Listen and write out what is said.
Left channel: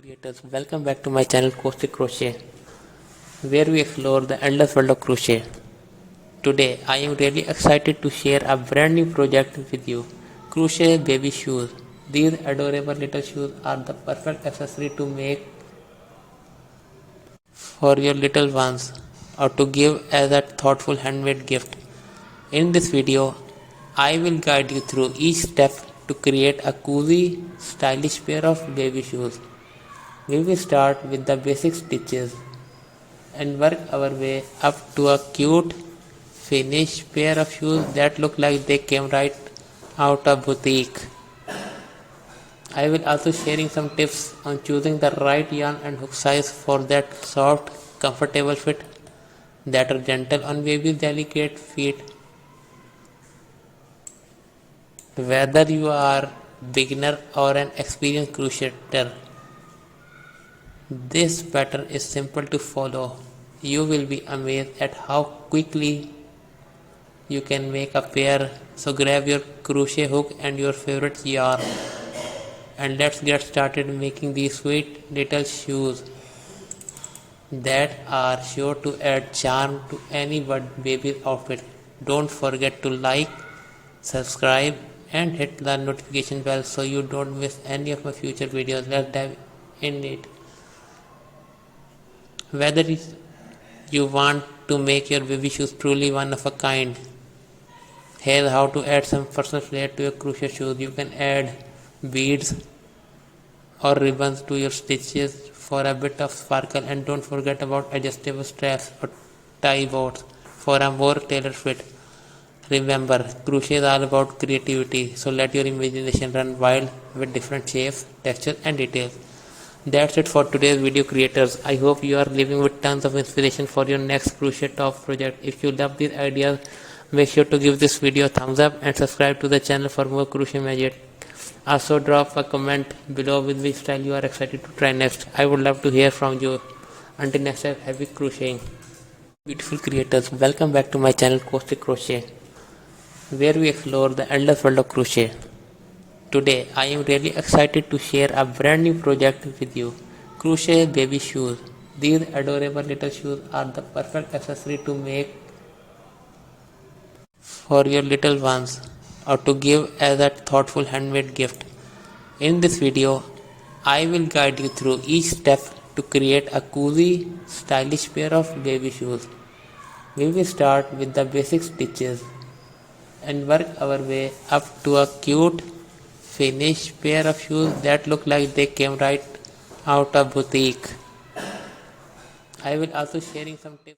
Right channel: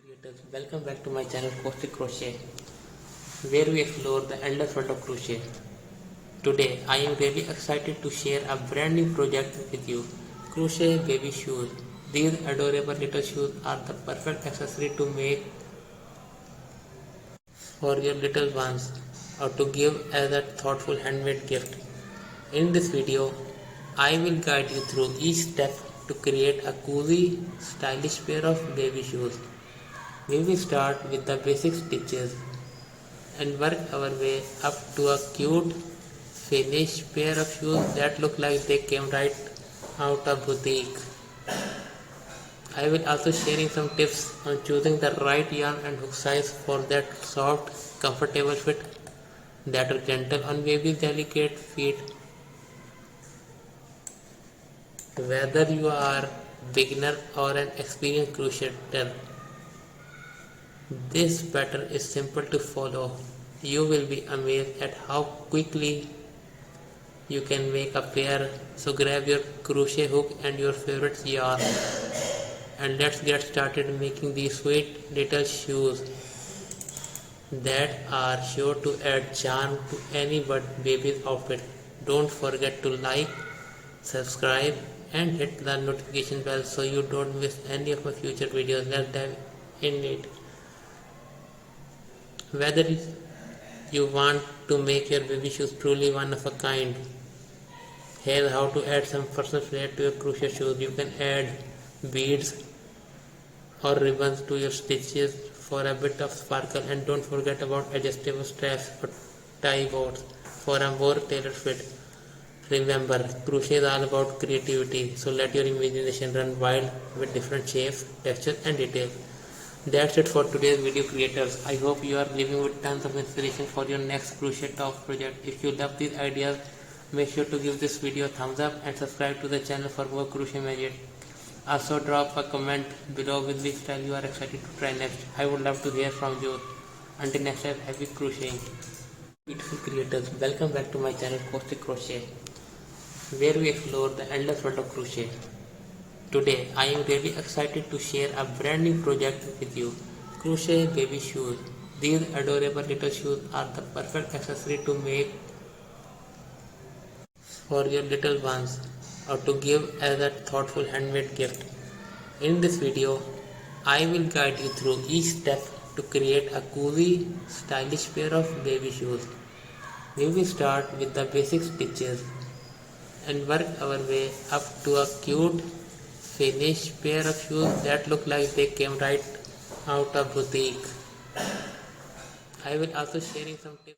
Creators, welcome back to my channel CROCHET, where we explore the endless world of crochet. Today, I am really excited to share a brand new project with you, crochet baby shoes. These adorable little shoes are the perfect accessory to make for your little ones or to give as a thoughtful handmade gift. In this video, I will guide you through each step to create a cozy, stylish pair of baby shoes. We will start with the basic stitches and work our way up to a cute finished pair of shoes that look like they came right out of boutique. I will also sharing some tips on choosing the right yarn and hook size for that soft, comfortable fit that are gentle on baby's delicate feet. Whether you are beginner or an experienced crocheter, this pattern is simple to follow. You will be amazed at how quickly you can make a pair. So grab your crochet hook and your favorite yarn and let's get started making these sweet little shoes that are sure to add charm to any baby's outfit. Don't forget to like, subscribe and hit the notification bell so you don't miss any of my future videos. Let's dive in it. Whether you want to make your baby shoes truly one of a kind, here's how to add some personal flair to your crochet shoes. You can add beads or ribbons to your stitches for a bit of sparkle, and don't forget about adjustable straps or tie bows for a more tailored fit. Remember, crochet is all about creativity, so let your imagination run wild with different shapes, textures and details. That's it for today's video, creators. I hope you are living with tons of inspiration for your next crochet top project. If you love these ideas, make sure to give this video a thumbs up and subscribe to the channel for more crochet magic. Also drop a comment below with which style you are excited to try next. I would love to hear from you. Until next time, happy crocheting. Beautiful creators, welcome back to my channel CROCHET, where we explore the endless world of crochet. Today, I am really excited to share a brand new project with you, crochet baby shoes. These adorable little shoes are the perfect accessory to make for your little ones or to give as a thoughtful handmade gift. In this video, I will guide you through each step to create a cozy, stylish pair of baby shoes. We will start with the basic stitches and work our way up to a cute finished pair of shoes that look like they came right out of boutique. I will also sharing some tips.